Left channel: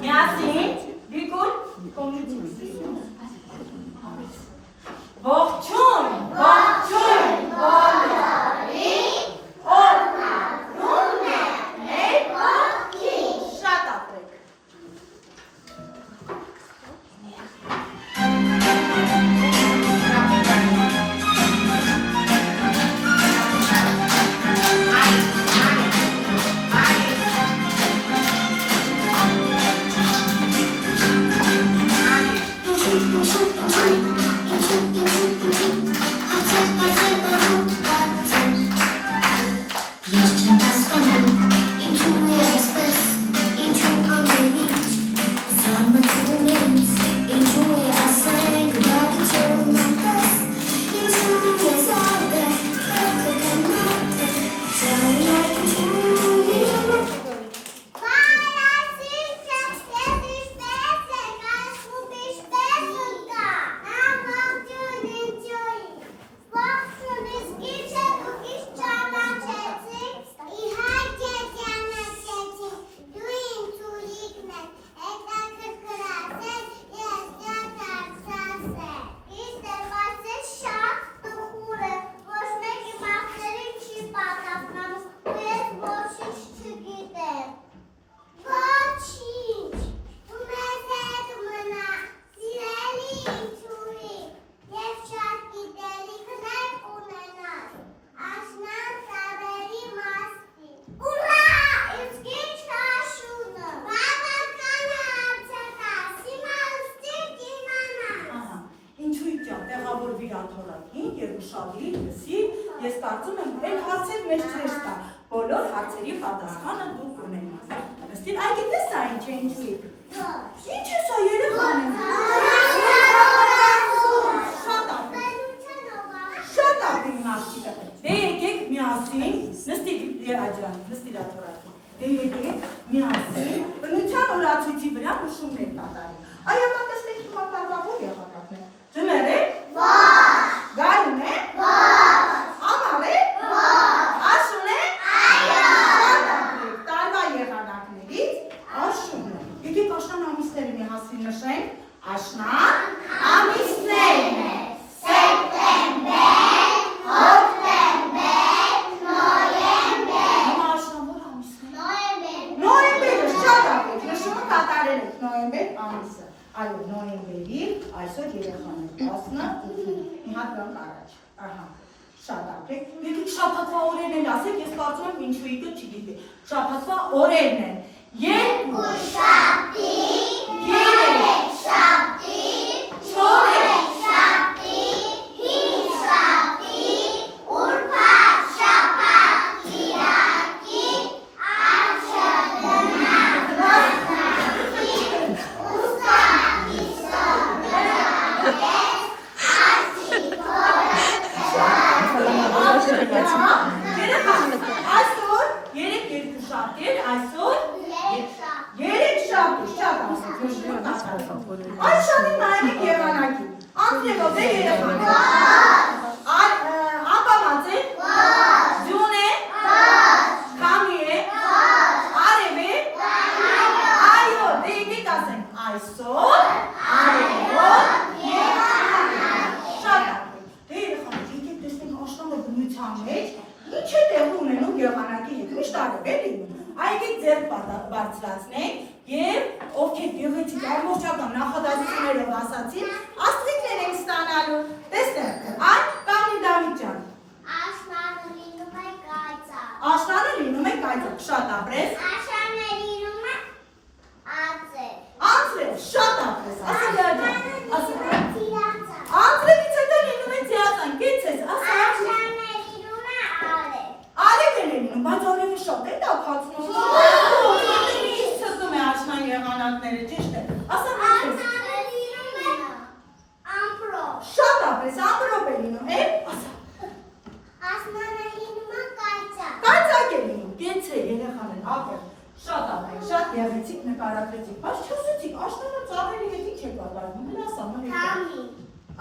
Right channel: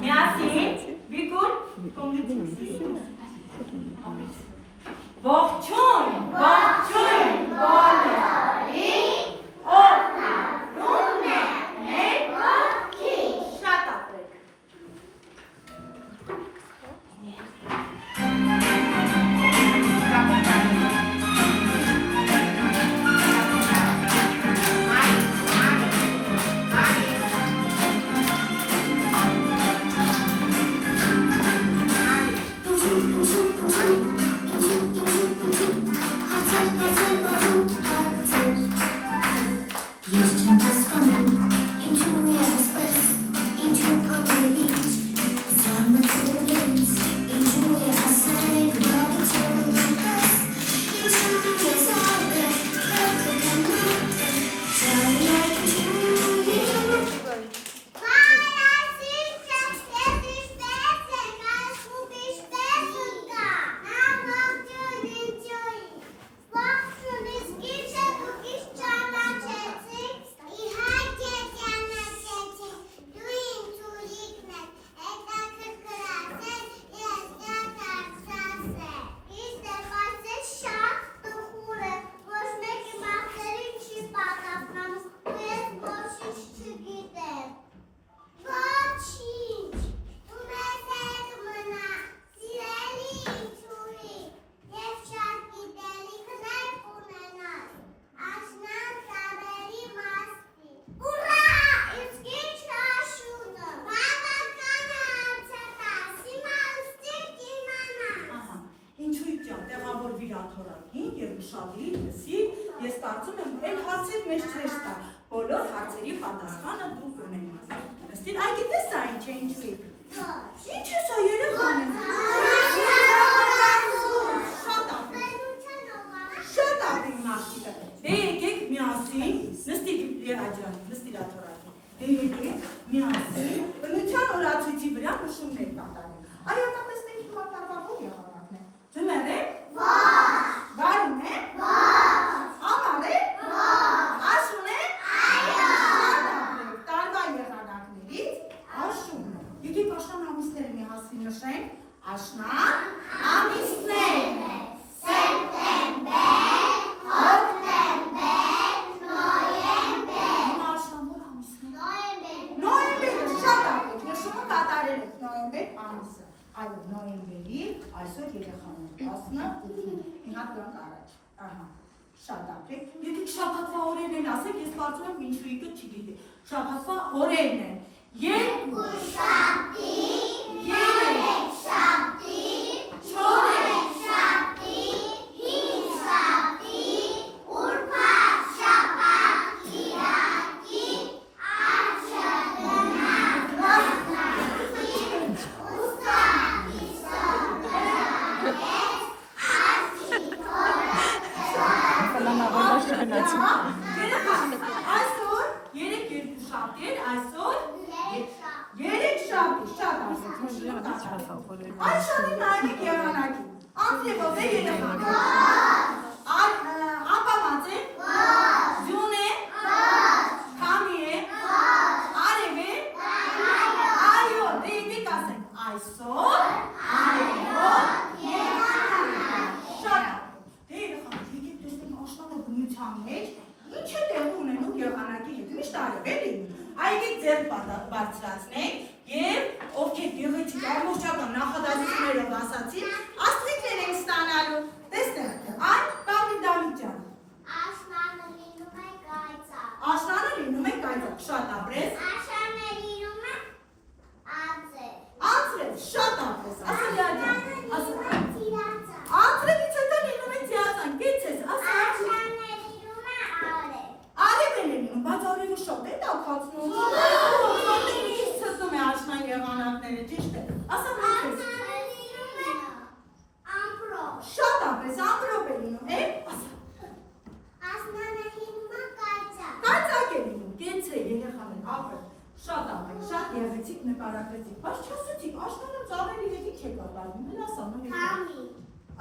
Միասին, Վիկուր, ողջույն, ողջույն, բոլորի, օգնում է մեր ողջին, շատ ապրեք։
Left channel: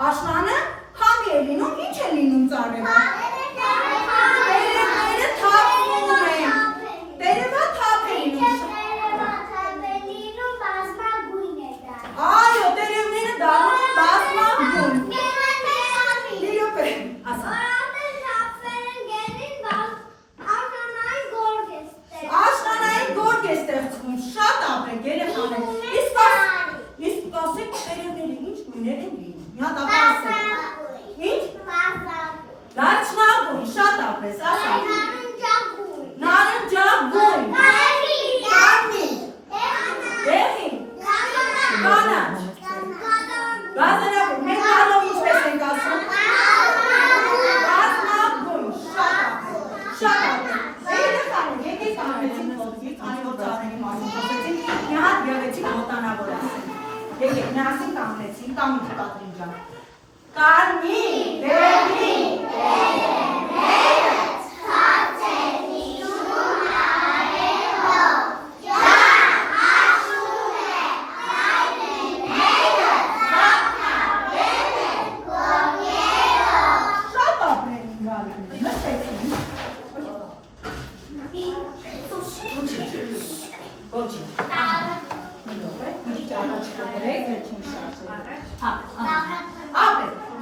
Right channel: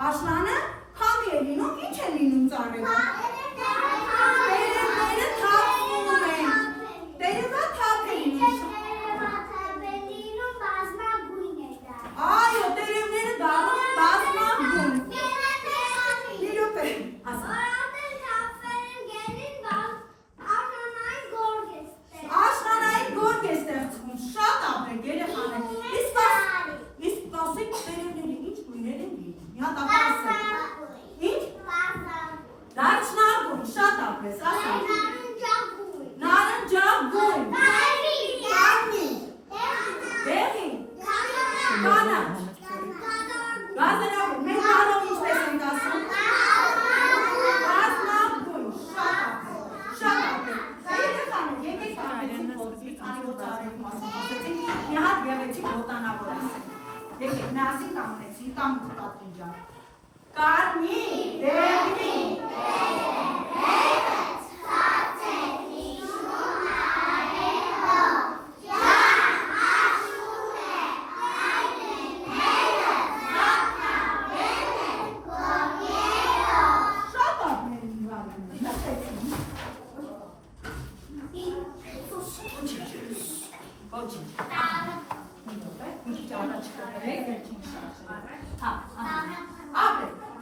Աշնանը քամի է լինում, ինչ է լինում ծառերը։ Տերևը թափ է լինում։ ապրես, ասա։ Նարնջագույն։ Կարմիր։ Դեղին։ Կանաչ։ Գազանագույն։ Մենք գալով ինչպես ենք ասում։ Գազնագույն։ Շատ ապրես։ Երեխաներ, եկեք անեցին ոտվից, անի որ ծառերի մասին խոսեցին, մի հատ եղեցին ոտանավոր ասեն։ Եկեք, միասին կանգնեցին, կամ մի կատրին ջան։ Կարմիր, դեղին,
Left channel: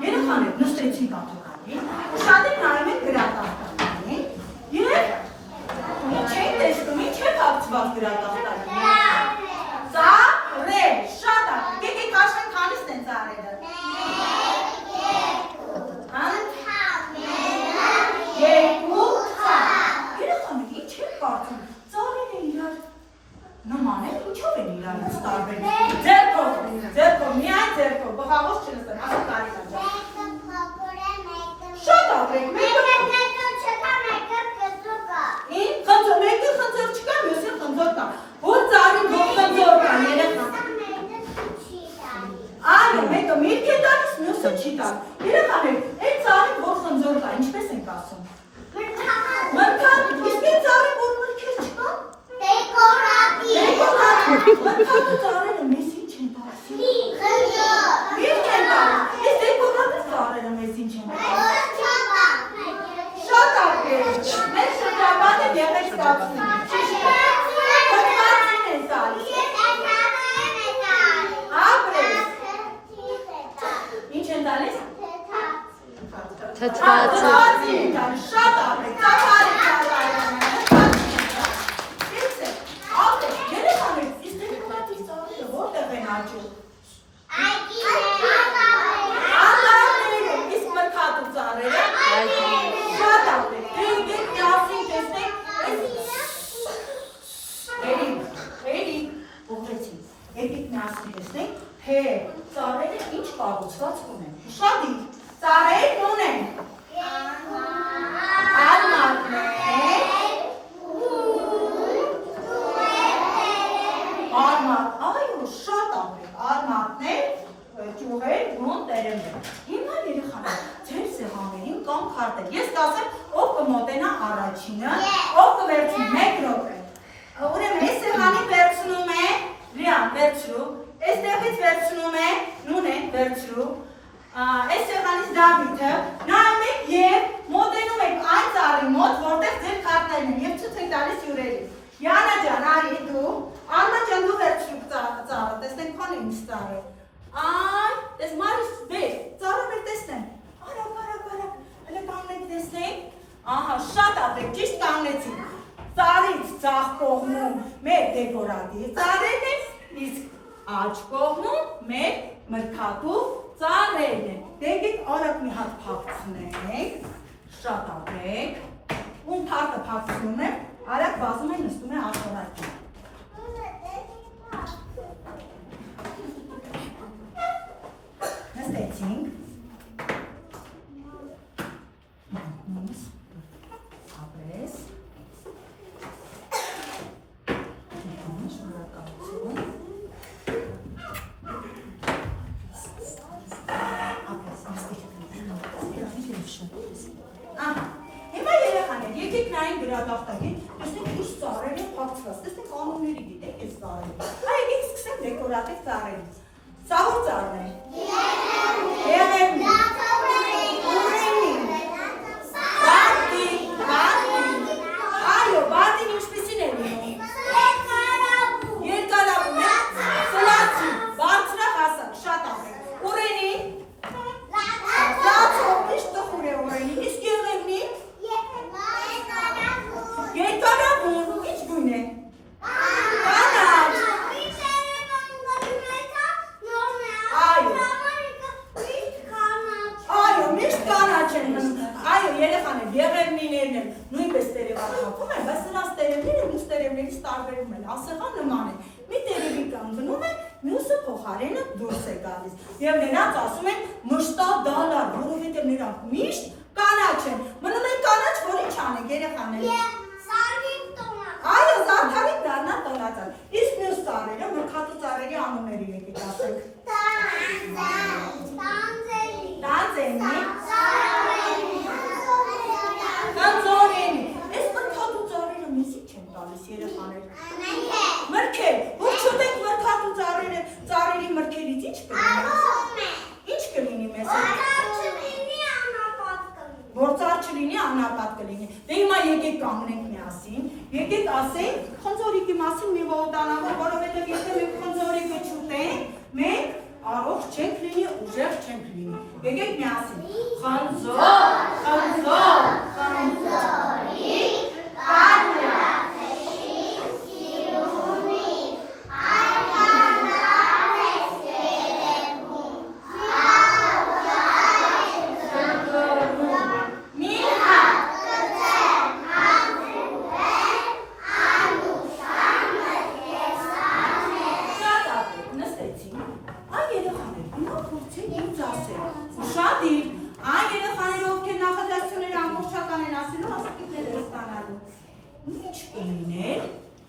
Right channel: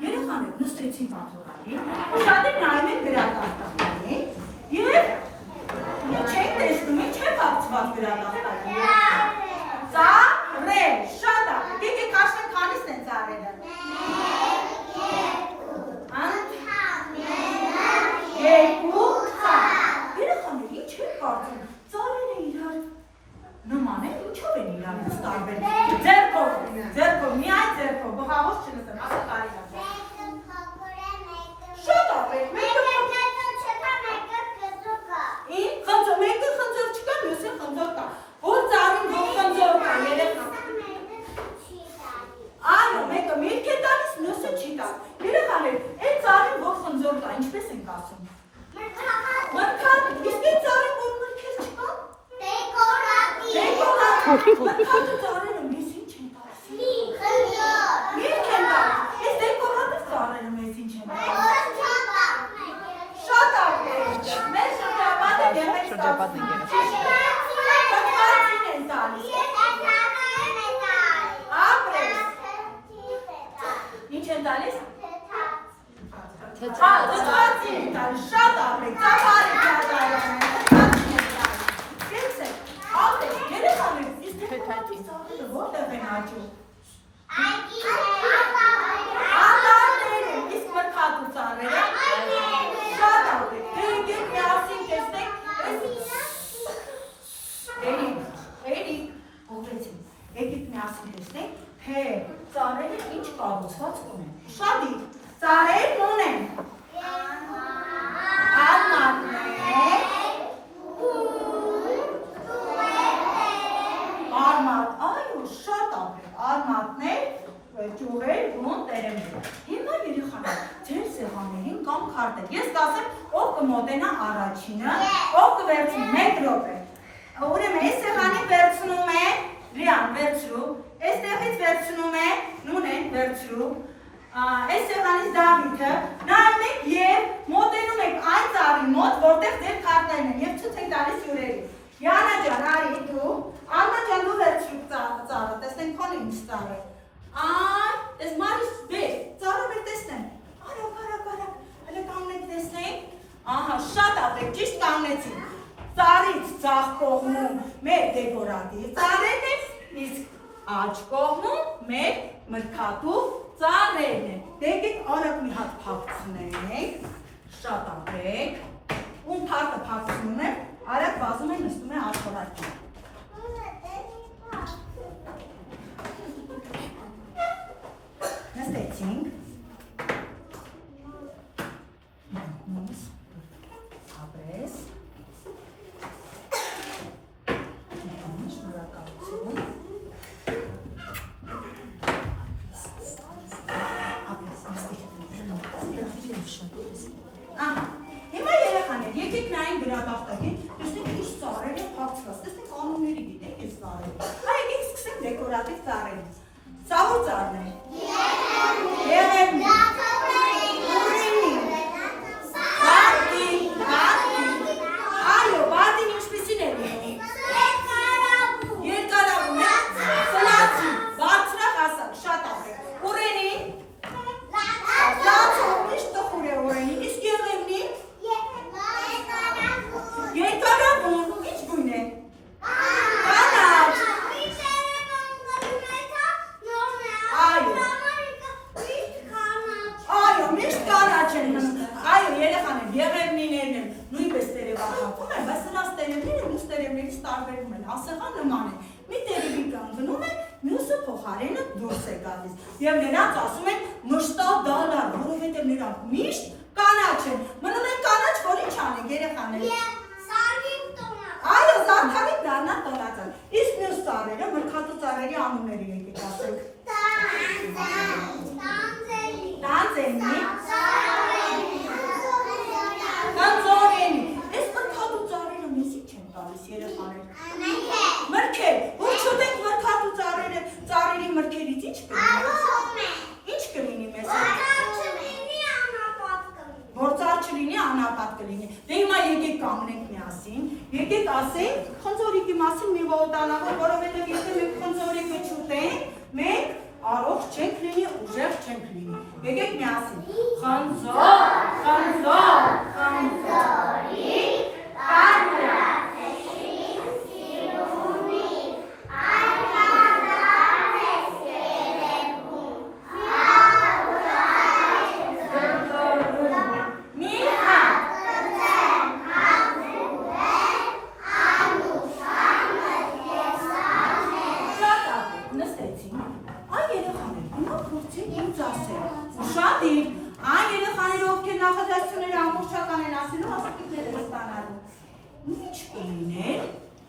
երեխաներ նստեցին կաթողային, շատին նայում են գրատախտակին և չեն տեսնում, ինչ է կապցված գրատախտակին։ Ծառեր, շատ ապրեք, եկեք հաշվենք քանիսն են ծառերը։ Երկու ծառ։ Երեխաներ, ինչ է կարծում, ծառերը իրար նման են, ինչով են իրարից տարբեր։ Ձերքով, միայն ձերքով, բղավոց չլսեմ, ասա կարիքա ջան։ Շատ ապրեք, մեկը խնձոր չկա, մյուսը խնձոր կա, որ ծառին որ խնձոր կա, երեխա։ Այո, մեկը միրգ է տալիս, մյուսը չի տալ։ Երեխաներ, այդ ծառին որ խնձոր կա, ինչպես ենք ասում։ Մրգատ, իսկ այդ ծառին որ մրգեր չկա։ Մրգատու ծառերը մեզ ինչ են տալիս։ Միրգ են տալիս, իսկ դեկորատիվ ծառերը մեզ ինչ են տալիս։ Շատ ապրեք, մեր շրջապատը եղեք ստացվում։ Խնձվածին են տալիս։ Ապրեք։ Ինչ են տալիս։ Թթվածին են տալիս, շատ ապրեք, ծավարեք ծավարանը, թթվածին են տալիս։ Կեցեք, ապրեք, երեխաներ, իսկ դեկորատիվ ծառերը որտեղ են աճում։ Անդարները, իսկ մրգատու ծառերը։ Շատ ապրեք, դե եկեք միասին տեսնենք, էլի, ուղղեցին, եկեք միասին տեսնենք, թե ծառերը ինչ կառուցվածք ունեն, շատի, ծառերն ունեն, արմատներ, այո, շատ ապրեք, արմատներ, ճյուղեր, բուն, տերևներ, հիմա երեխաներ, ձեր սեղաններին կամ քարտեր, ես կասեմ, ով կմոտենա առաջինը, ով կվերցնի, 1 րոպե, ուրեմն այս սեղանին վերցնում է, Լիան, վերցրու, այստեղից վերցնում է, Նունեն, վերցրու, այս սեղանից Դավիթը, նայում եք և մոտենում եք այն ծառի մոտ, որտեղ ձեր քարտերն են և ցույց եք տալիս հյուրերին։ Յանա ջան, արի դու, Աննա ջան, դու վերցրու ծառը, տեսնենք քոնը ինչ ծառ է։ Այն, տես Մարիս, բեր, ծառը մեր տեսնեմ, արագ, հələ կանգնեք տեսնենք, ահա, շատ ապրեք, ճիշտ կանգնեցին, ծառից ձախ կողմում մեր դեկորատիվ ծառերն են, իսկ աջ կողմում մեր մրգատու ծառերն են, դեկեք արագ մի հատ փակցնենք, շատ ապրեք, ում թարտը փակցնում է, արագ բազում է նստում է աշխարհակին։ Նստեցինք, ապրես, շնորհակալություն, ապրես, հիմա երեխաներ, եկեք նայենք գրատախտակին, տեսնենք ինչ ծառեր են փակցված, տեսնենք անունների գիտեք այս ծառերը, եկեք սկսենք դեկորատիվ ծառերից, սա որ ծառն է։ Եղևնի, ուրենի, բարտին, այո, բարտին ինչպիսին է լինում։ Երկարավուն է, սլացի, բարձրախ ասակ, շատ ապրեք, ուրենի, լացով, միշտ տխուր է ուրենի, իսկ եղևնի, երկարավուն, ինչ գույն է։ Կանաչ, այո, միշտ կանաչ են մնում, այո, երեխաներ, եղևնիներ երեխաներն էլ նույնպես տերևակապում են, բայց նրանց տերևները մյուս տերևներից տարբերում են, ասեղան նման են։ Մի տերևի կանգնում է, մյուսը փոխարենը դուրս է գալիս։ Եվ նրանց ասում են մշտադալար, որովհետև նրանք միշտ կանաչ են։ Մնում են կանաչ, որ ինչ անենք երեխաները։ Այո, զարդարին դառնա տոնածան։ Իսկ մյուս ծառերը, մրգատու ծառերի անունները եկեք ասենք։ Տանձենի, Տանձորենի։ Այս մրգատու ծառերը մեզ ինչ են տալիս երեխաներ։ Մրգեր, որ չուտենք մրգատու ծառերի մրգերից ինչ կլինի։ Ինչ կլինի մեզ։ Որ ծառ չլինի, անապատ կլինի։ Դե հիմա եկեք կանգնենք միասին, եկեք ասենք խնձորիկի մասին մի ոտանավոր, որովհետև եթե մենք խնձորիկը չուտենք, մենք առողջ չենք լինի, ուժեղ չենք լինի։ Եկեք միասին։ Խնձոր, խնձոր, խնձորիկ,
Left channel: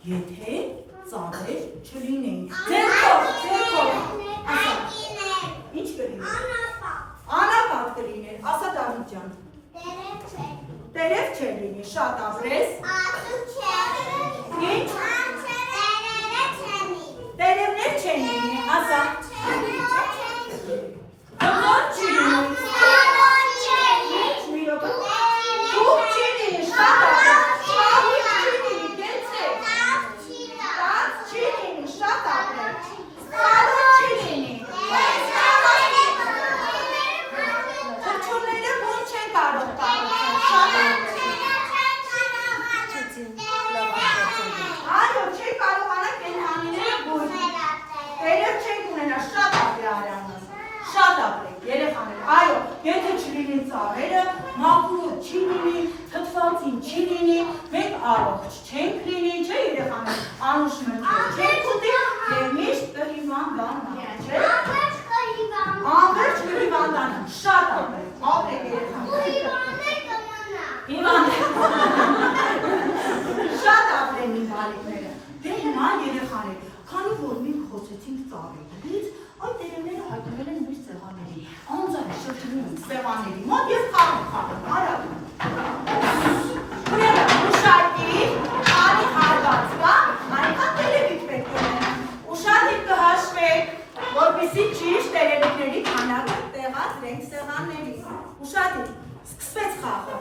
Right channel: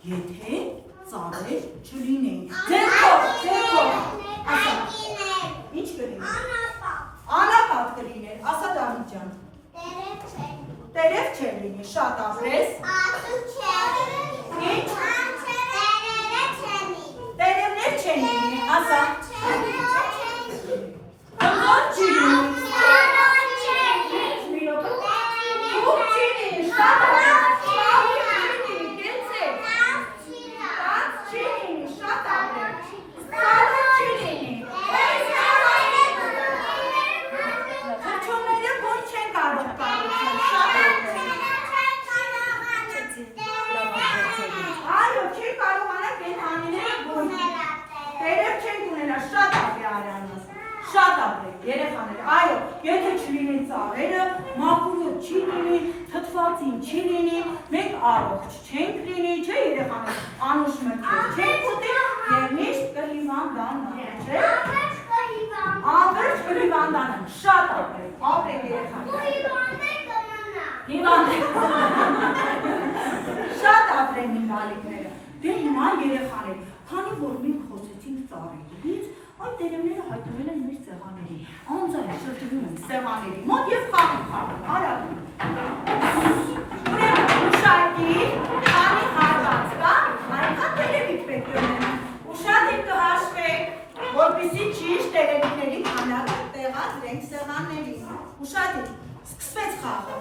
եթե ծառեր չլինեն։ Ձերքով, ինչ կլինի։ Անապատ կլիներ, ասա Դավիթ ջան։ Տերև չէր լինի, շատ ապրես։ Ինչ։ Տերևներ չեն լինի, ասա։ Խնձոր չի լինի։ Թուղ չի լինի, շատ ապրես։ Այո, եթե չլինի ծառերը, մաքուրոտ չի լինի, թթվածին չի լինի, մենք առողջ չենք լինի, չէ երեխաներ, անուշ մրգեր չենք ուտի և միշտ կհիվանդանանք, չէ։ Անվերջ կհիվանդանանք, շատ ապրեք երեխաներ։ Հիվանդեք։ Շատ ապրեն իմ բալիկները։ Դե հիմա երեխաներ, քանի որ մենք խոսեցինք ծառերից, այդ տերևները հայտնվել են մեր սեղաններին, անձայն շրջվում սեղանների մոտ և խաղում, արագ։ Ուրեմն ուշադիր, քանի հարված կա, այնքան տերևիկ պետք է ունենան։ Ուշադիր կհաշվեք, որպեսզի ճիշտ տերևիկների քանակը տեղադրենք սեղաններին։ Ուշադիր, սկսվեց խաղը։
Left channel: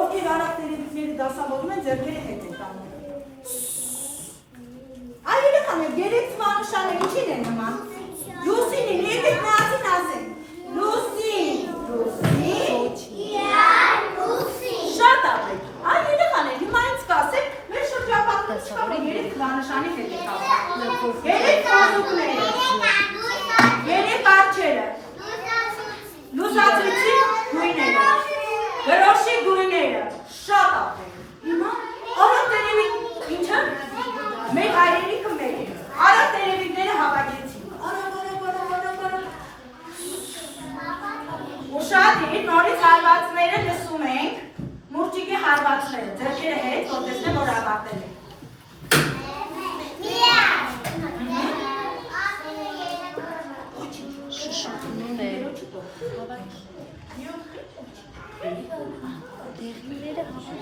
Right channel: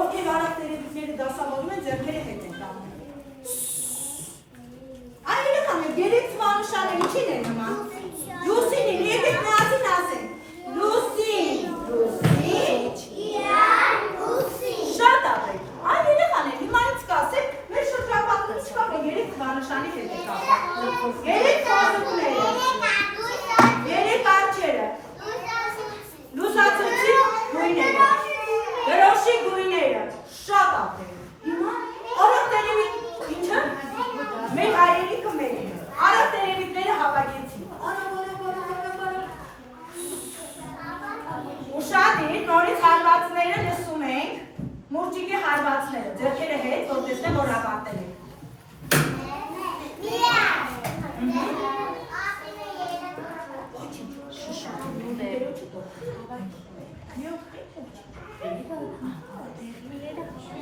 Ովքեր արագ տերևիկները դասավորում են, ձեռքերը հետ են տանում։ Այ երեխաներ, երեք թվանշանը ինչին է նման։ Լուսինին, եկեք միասին ասենք։ Լուսին, շատ ապրեք։ Այ երեխաներ, հիմա ինձ կասեք, մեր շրջապատում երեք թվանշանի հետ է տալու։ Երեք թվանուկները, երեք արջերը, լուսացույցի գույները, գրոշի գույները, շատ ապրեք։ Հիմա արագ տերևիկ, ինչը։ Մեր հայրենիքը մեր է, արագ տերևիկները հավաքեցին, արագ։ Ուշադիր, նորից հարվածները լսում ենք, մուրճիկի հարվածները, ձեռքերը հետ, որ տեսնեմ, որ ավարտել ենք։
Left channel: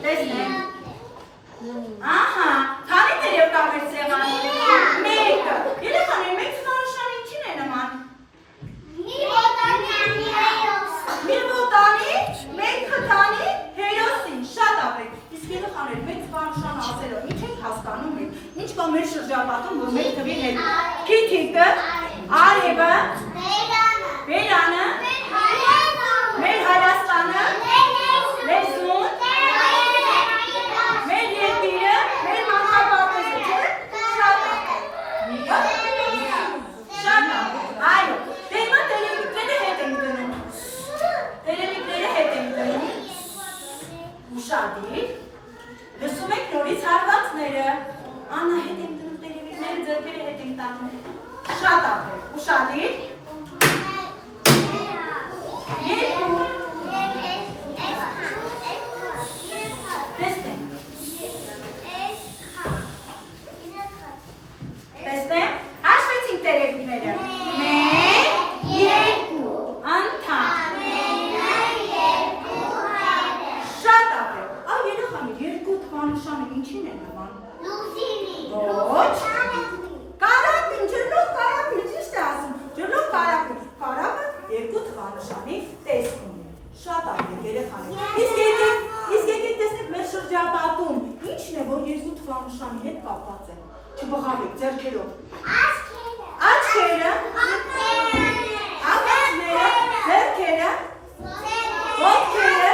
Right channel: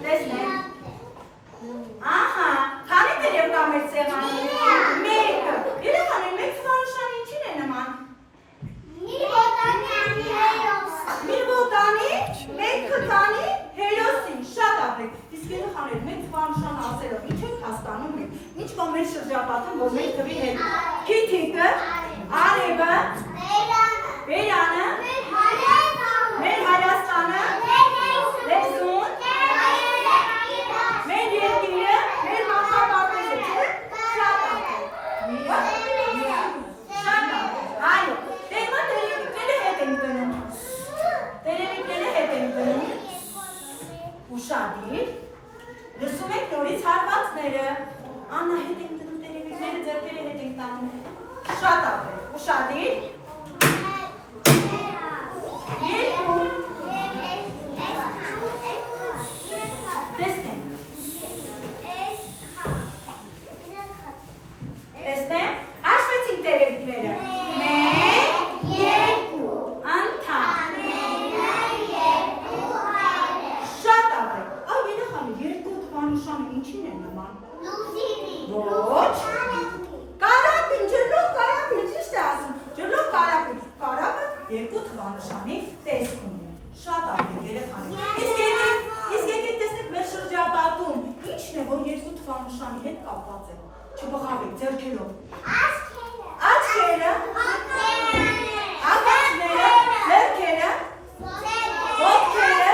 Տեսնեմ։ Ահա, քանի տերև կա մեր սեղանում։ Մեկը։ Երեխաներ, մեկ թվանշան ինչին է նման։ Մի ոտանի, մեկ խթանի, հերոսին, շատ ապրեք։ Իսկ երեխաներ, մեկ թվանշան ասելով, ինչ ենք հասկանում մենք, ինչ կա մեր շրջապատում, որ մեր թվի հետ։ Քիթիկը, արևը, բերանը, մեր Հայաստանը, լեզուն, Շատ ապրեք, ուշադիր։ Երկու։ Տեսնենք։ Տեսնենք, հաշվեցինք տերևիկները։ Մեկ, երկու, անդամ։ Շատ ապրեք։ Այ երեխաներ, երկու թվանշանը ինչին է նման։ Ոչ։ Կարապին, ջրլող կարապին, ճիշտ է ասում, ջրլող կարապին, կարապը երկու թվանշանի տեսքում է, շատ ապրեք երեխաներ, իսկ եկեք տեսնեք մեր շրջապատում, ինչն է, որ երկու թվանշանի հետ կապված է, չբխավեք, ձեռքերով, աչքերը, ակածները, ձեռքերը, ոտքերը,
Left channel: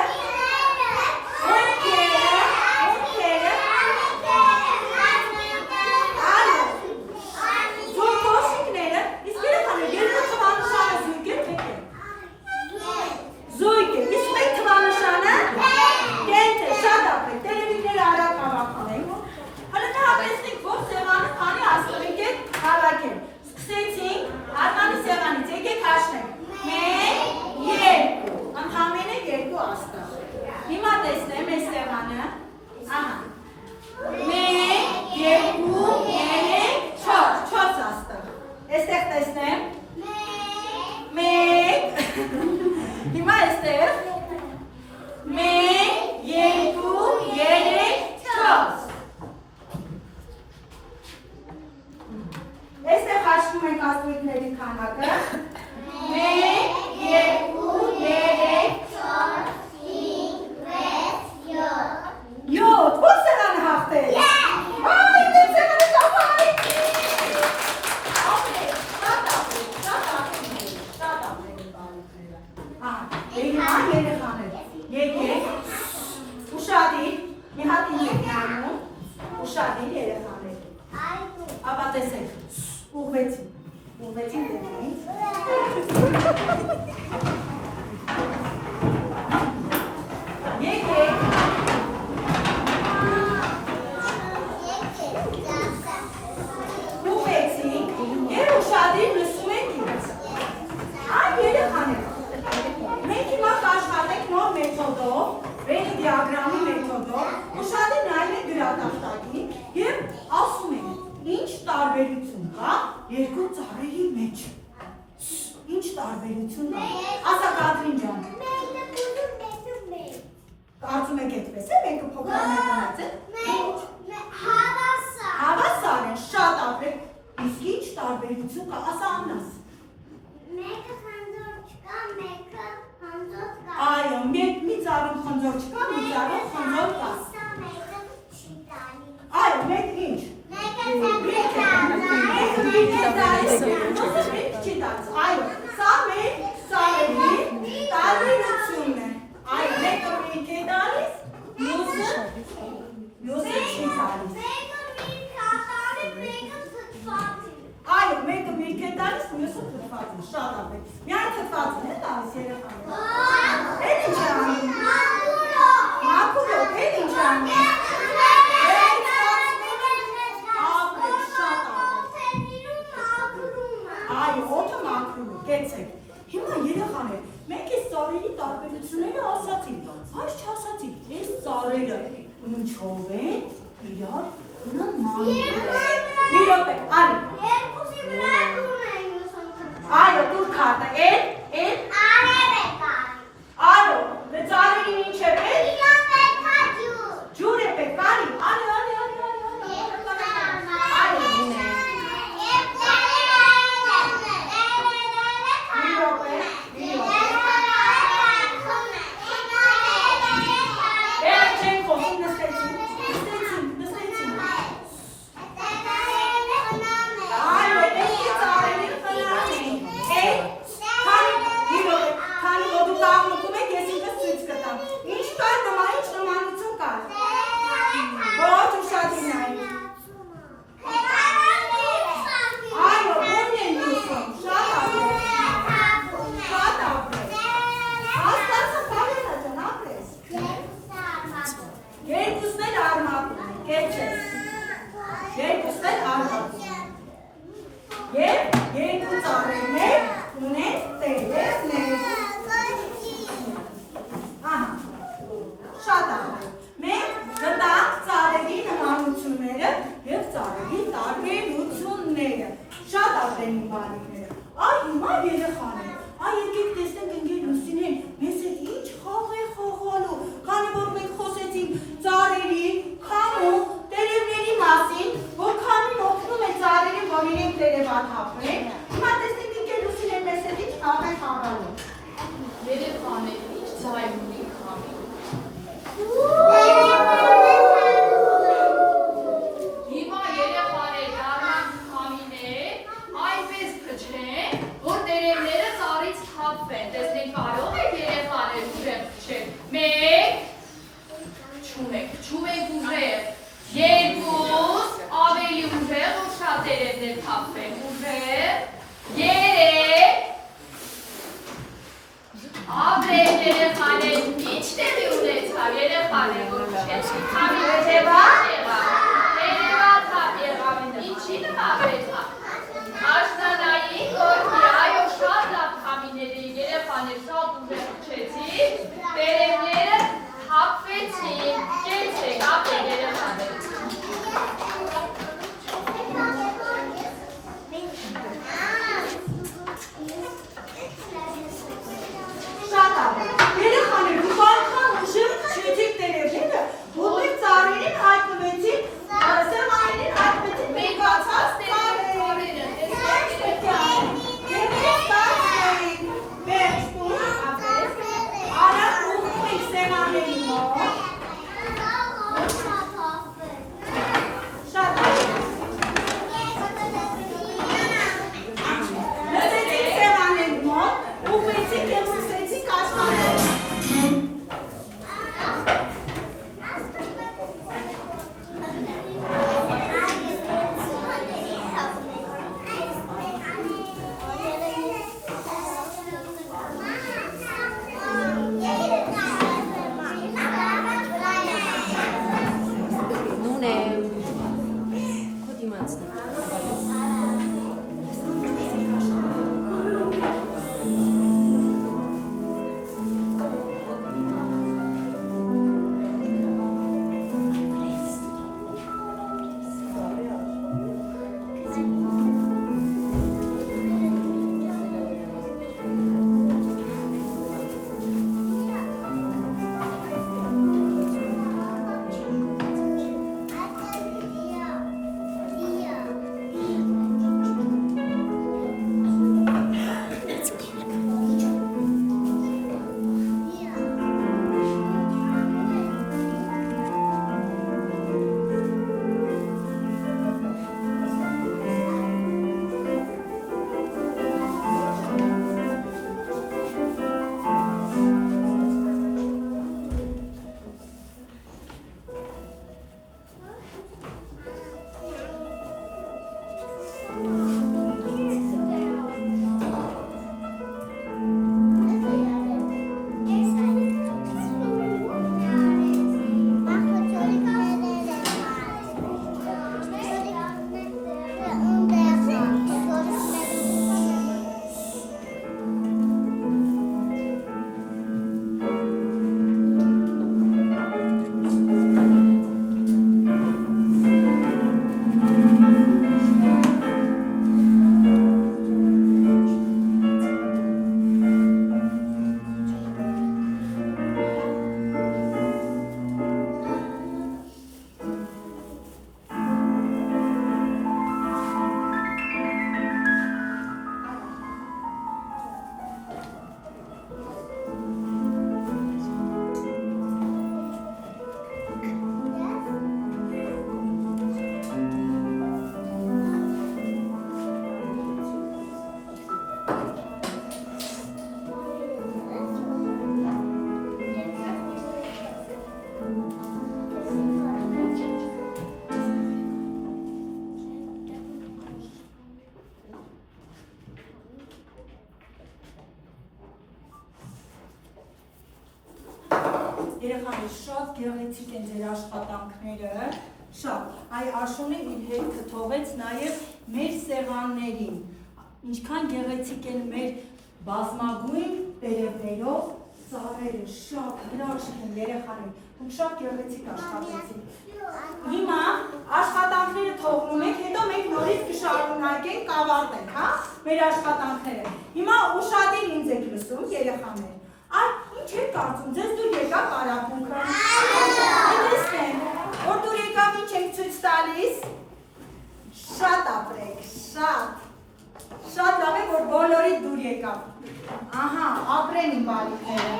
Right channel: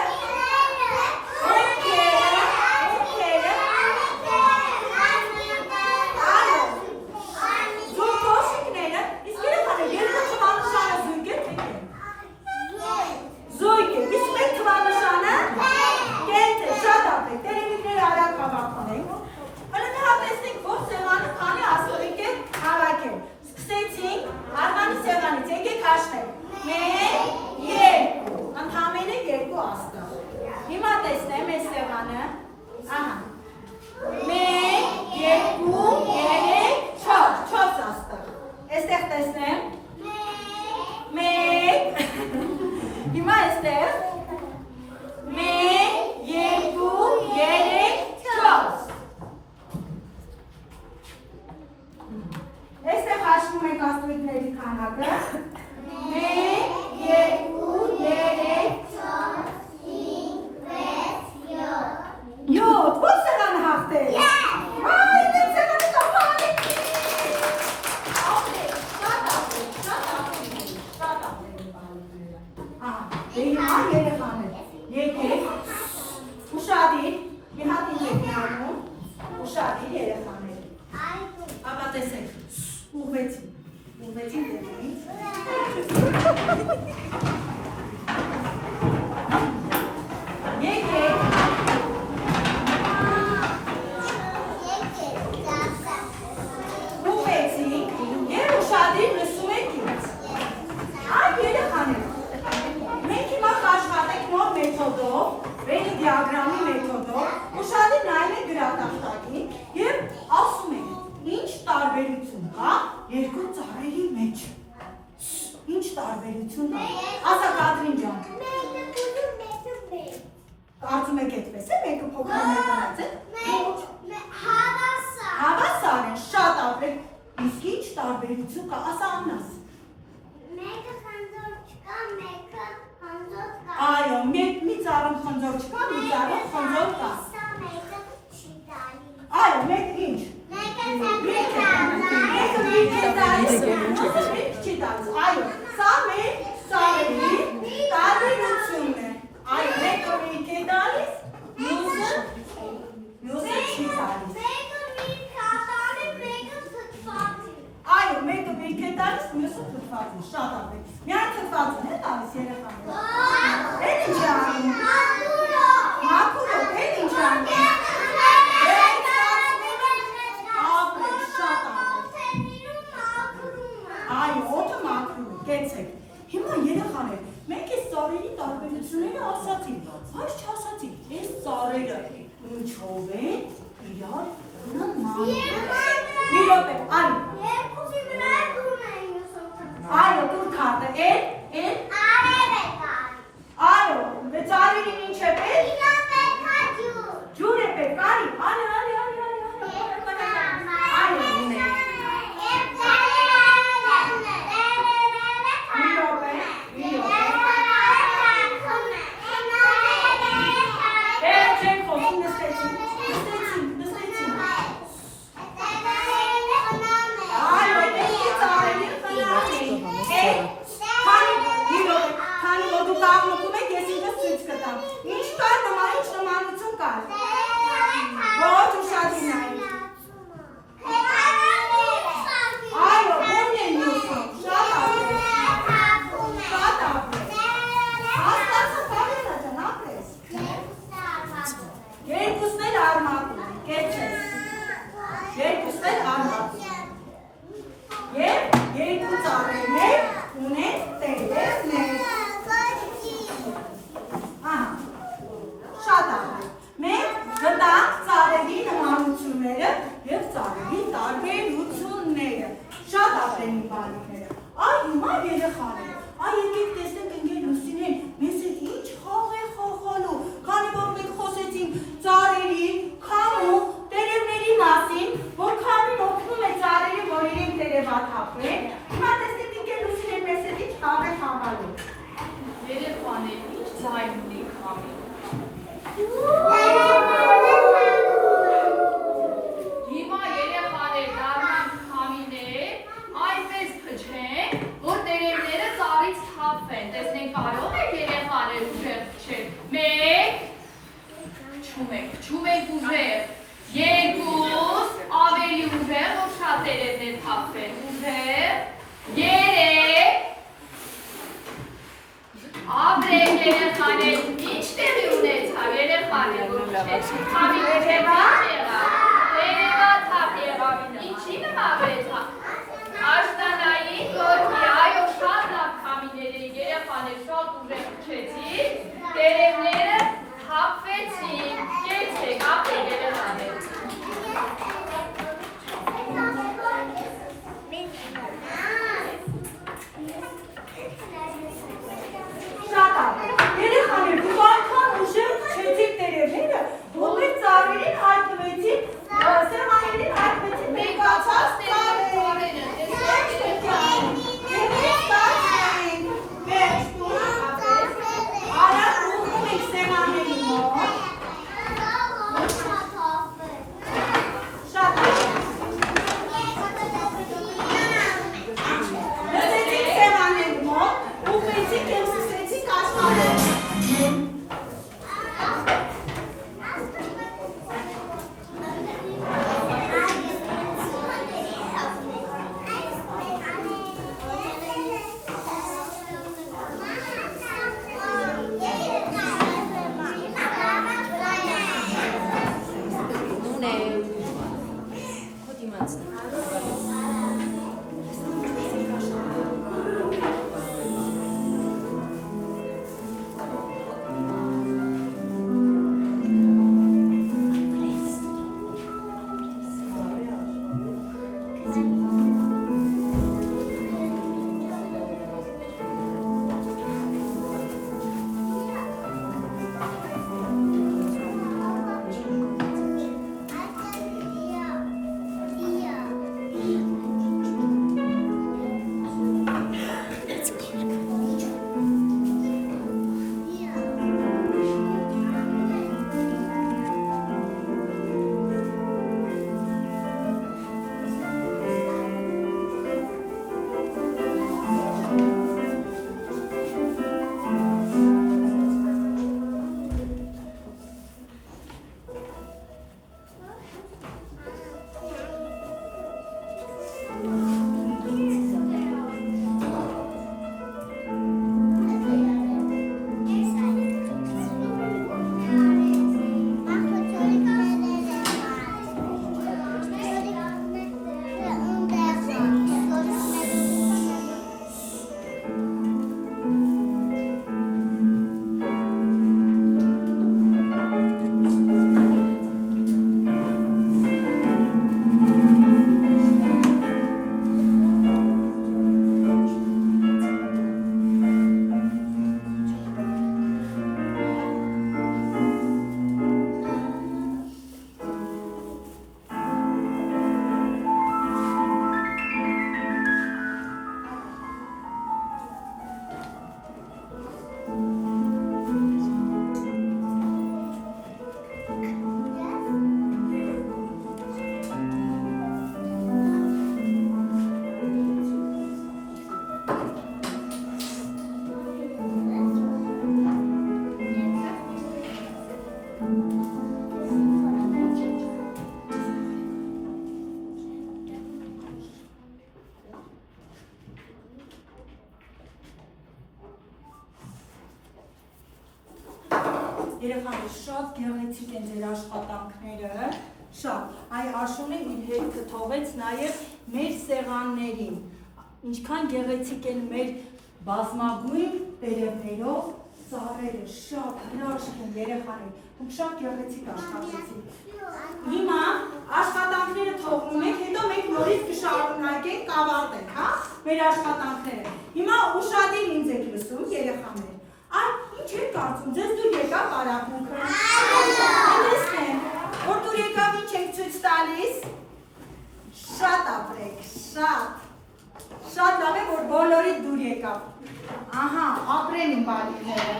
Հիմա տեսնեմ այս սեղանը, ահա, 1, 2, 3, 4 աստղ, այստեղ տեսնեմ, 1, հիմա այստեղ, 1, 2, 3, 4, այստեղ հաշվում ենք աստղիկների քանակը, 1, 2, 3, 7, ո՞ր սեղանը հաղթել։ Այ, դեմ սեղանը ծափարի։ Ապրեք, շատ ապրեք բարիկները։ Ահա, հիմա երեխաներ, եկեք, ուշադիր, մի հատ ինձ եք նայում, ուշադիր երեխաներ։ Ապա տեսեք, ուղղվեցին դեմից։ Եկեք։ Ուշադիր լսում եք ինձ։ Այ երեխաներ, մենք հիմա կաշխատենք նոր մեթոդով, Venn դիագրամի մեթոդով, ուշադիր նայում եք գրատախտակին և ասում եք, ինչ տարբերություն կա երկու ծառերի մեջ։ Ինչ տարբերություն կա։ Ասա Կատրին ջան։ Կարծում եք այդպես է, մեկը փոքր մեկնած է։ Հավասար են, շատ ապրեք։ Իսկ ինչ տարբերություն կա, ասա Աննաս։ Մեկը խնձոր չկա, մեկը խնձոր կա։ Այո, մի ծառում խնձոր չկա, մի ծառում խնձոր կա։ Մեկը չի տալի։ Այո, մեկ ինչ։ Մեկը մեկը տալիս, մեկ չի տալիս։ Այո, սա մեր ծառերի տարբերությունն է։ Այո, մեկը մեկ է տալիս, մյուսը չի տալիս։ Այո, մեկը միրգ է տալիս, մյուսը թթված է, շատ ապրեք։ Միայն թթվածն է տալիս երեխաները։ Էդ ինչ է անում։ Մաքուրով, էդ ինչ է անում։ Ապրեք, շատ ապրեք։ Այո, օդը մաքրում է, կեցեք։ Հիմա երեխաներ, մենք այս ծառերի տարբերությունները ասացինք, բայց չասացինք, այս ծառերը ինչով են իրար նման։ Մի րոպե, արի։ Այո, դուր քարտը, էդ Արև է կար։ Այո, ծառերին ինչ է պետք։ Իրա պետք է ջուր։ Ջուր է պետք, արի, արի։ ալիքները։ Այ հիմա երեխաներ, այ եկեք տեսնենք ընկեր Լուսինեն, մեզ հետ ինչ խաղ է խաղալու, քանի որ մենք խոսեցինք ծառերի, քամու, տերևների մասին, որ քամին օգնում է ծառերին, որ իրենք տերևաթափեն։ Հիմա տեսնենք ընկեր Լուսինեն, մեզ հետ ինչ խաղ է խաղալու։ Երեխաներ, ինչ ձայն ունի քամին։ Հիմա երեխաներ դառնանք քամիներ, այնպես փչեն, որ տերևները ծառից թափվեն։ Տեսնենք կարող եք երեխաներ ուժեղ փչել։ 1 Փչում եք ուժեղ։ 2 ավելի ուժեղ, որ շատ տերևներ թափվեն։ Ուժեղ։ 3 Ապրեք երեխաներ, ինչ տեղի ունեցավ երեխաներ, որ փչեցին քամին տերևաթափ եղավ, ինչի նվագեցավ։ Աշտանային գորգի, այո, շատ լավ քամիներ էին երեխաներ, շատ ուժեղ փչեցին, տերևները թափվեցին, կեցեք, ապրեք երեխաներ։ Շատ ապրեք, երեխաներ, դուք անգամ ուժեղ փչեցիք տերևները, դուք եք ծառերին հայտնվեցիք, սեղաններին հայտնվեցիք մեկացած ծառերը։ Եկեք ստացվեին, վերջ տուն, արագ ուղղում եք սեղանների մոտ, շատ լսեցիք սեղանների մոտ, ուղղեցիք և սկսեցիք աշխատել։ Երեխաներ, շատ գեղեցիկ են ձեր աշխատանքները, շատ, այ Աշունին իր հետքը թողեց նաև մեր սեղաններին, ինչքան գեղեցիկ են մեր բազմագույն տերևներով ծառերը շատ հրաշք են երեխաներ, դուք շատ գեղեցիկ աշխատեցիք։ Հիմա աշխատանքները թողնում ենք, հետո մենք նորից կշարունակենք կավարտենք, հա, մեր աշխատանքները։ Հիմա ուշադիր ինձ եք լսում երեխաներ։ Այ ինչ եք կարծում, ձեզ դուր եկավ արաբունքը։ Տեսնեմ, որ դուր եկավ ինչ եք ցույց տալիս։ Շատ ապրեք, շատ։ Շատ լավ է, որ բոլորի դուր եկավ։ Ահա, ապրեն իմ բալիկները։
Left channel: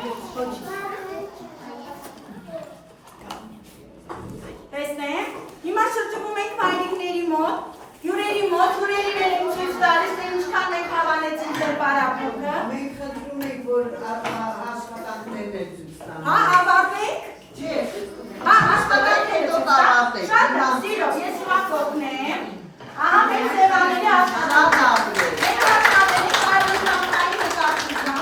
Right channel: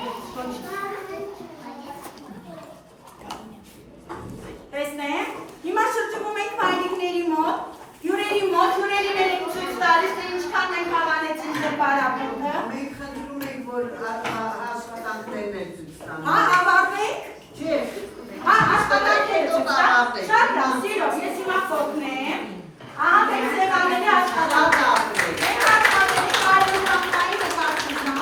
Տեսնեմ, հիմա շրջվում ենք մայրիկների մոտ, հյուրերի մոտ, հյուրերին էլ ենք ցույց տալիս, թե ինչքան մենք հավանեցինք ձեր պարապմունքը։ Մենք խնդրում ենք, որ աշխատանքներն եք ցույց տանք։ Հա, ավարտենք։ Չէ։ Հա, աշխատանքները ցույց տանք։ Շատ լավ, սիրո, ես հիմա կողմեմ։ Ահա, մենք ձևաների աշխատանքները։ Մենք աշխատենք պարապմունքային նկատիվը,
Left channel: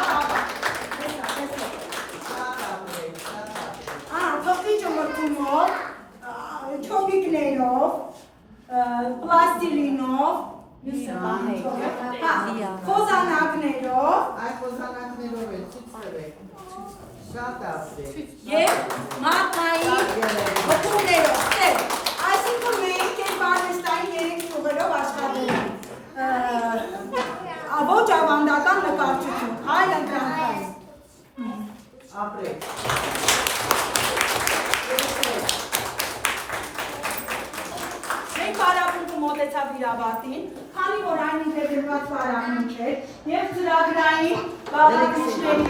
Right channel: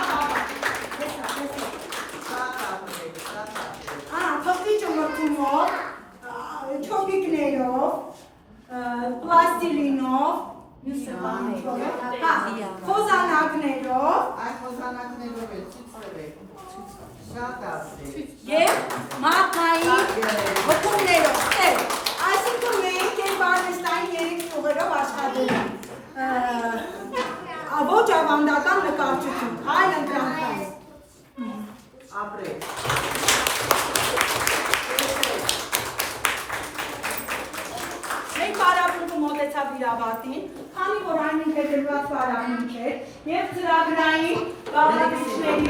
թղթիճը մրցում մոտ, չոպիկներով, պլաստիլինով, խոզանակներով Այդ խոզանակներով է ցույց տվեք։ Շատ ասեք։ և մատնային հոկումներով, այսինքն մենք և արվեստային երեք ճյուղերով աշխատել ենք, ոչ ավանդական նկարչություն, այլ ընտրանքային։ Ապրեք։ Մենք պարապմունքը մոտեցավ իր ավարտին, քանի որ այն ինտեգրված պարապմունք էր և ծրագրային բաղադրիչների